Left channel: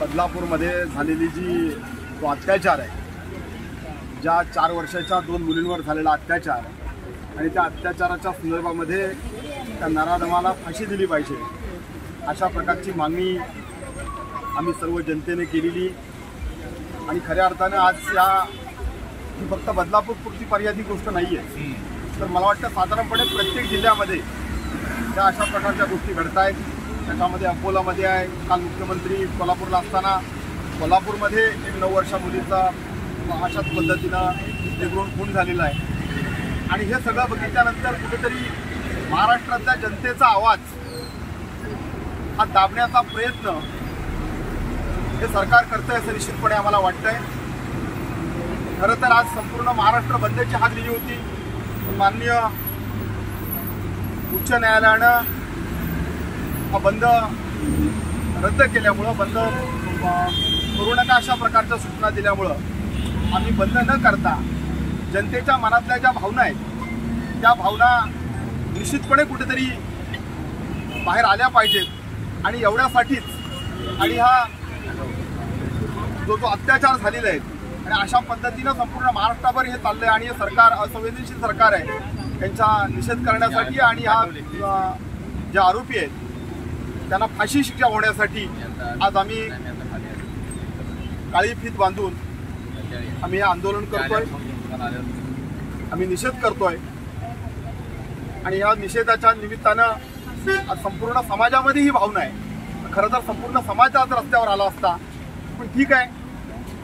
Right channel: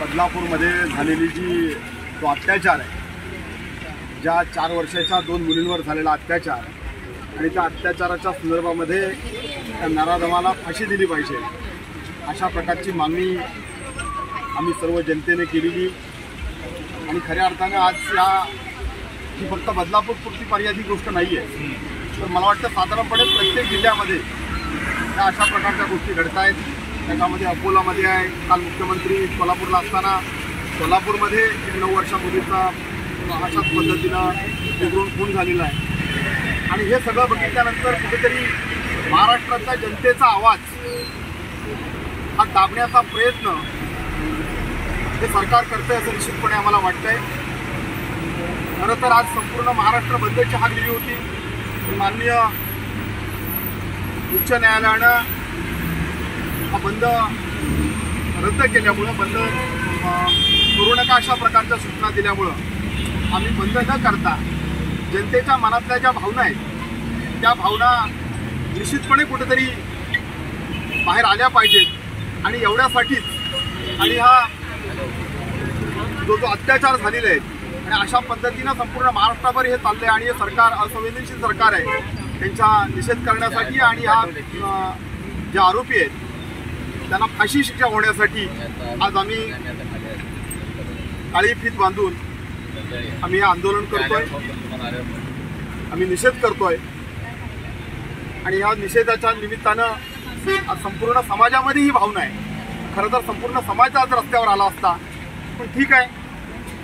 बदलापूरमध्ये झालेली जी तो अत्याचार आहे, ज्या 4 वर्षाच्या 2 मुलींवर झालेला अत्याचार आणि त्या अत्याचाराच्या संदर्भामध्ये त्या नराधमाला फाशी दिली पाहिजे अशा प्रकारची मागणी आम्ही सर्व जनतेने केलेली। आणि खऱ्या अर्थानं आज ही फक्त बदलापूरपुरती मर्यादित गोष्ट नाही आहे, तर मला वाटतं साधारणपणे प्रत्येक जिल्ह्यामध्ये त्या अशा प्रकारच्या गोष्टी घडत आहेत। त्याच्यामध्ये अकोलामध्ये आहे, काल मुख्यमंत्री कोल्हापूरला असताना कोल्हापूरमध्ये एक 9 वर्षा मुलीचा अशाच पद्धतीनं निगरून खून झालेला आहे। आणि हे सगळं बघितल्यानंतर कुठेतरी महाराष्ट्रातल्या जनतेचा आवाज हा दाबण्याचा प्रयत्न हे सरकार करतंय असं निश्चितपणे आम्हाला वाटतंय। खरं तर आज संपूर्ण महाराष्ट्र बंदची हाक दिली होती, पण माननीय उच्च न्यायालयानं हा बंद रद्द केल्यामुळं, बंद करू नका अशा प्रकारच्या सूचना दिल्यामुळं आम्ही बंद न करता जनतेच्या मनातल्या ज्या भावना आहेत त्या भावना निश्चितपणे कुठेतरी बाहेर आल्या पाहिजेत। आणि एवढ्यासाठीच आणि हा जो अत्याचार झालेले आहेत आणि अशा पद्धतीनं संपूर्ण महाराष्ट्राभर हे चाललंय आणि हे सरकार असंवेदनशील सरकार आहे, त्यांचा निषेध करण्यासाठी आणि हा जे आरोपी आहेत त्यांना फाशी शिक्षा होण्यासाठी आज आम्ही काळी फीत बांधून आम्ही हे आंदोलन करतोय, आम्ही निषेध करतोय। आणि या निषेधाच्या निमित्तानं संपूर्ण समाजामध्ये ही भावना आहे। खरं तर संपूर्ण समाज आज रस्त्यावर आला असता, पण ठीक आहे,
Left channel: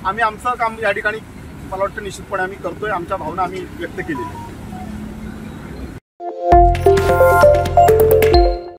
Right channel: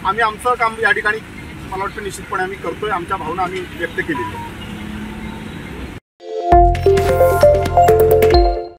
आम्ही आमचं काम या ठिकाणी मला वाटतं निश्चितपणे आम्ही करतोय, आमच्या भावना आम्ही व्यक्त केलेल्या आहेत।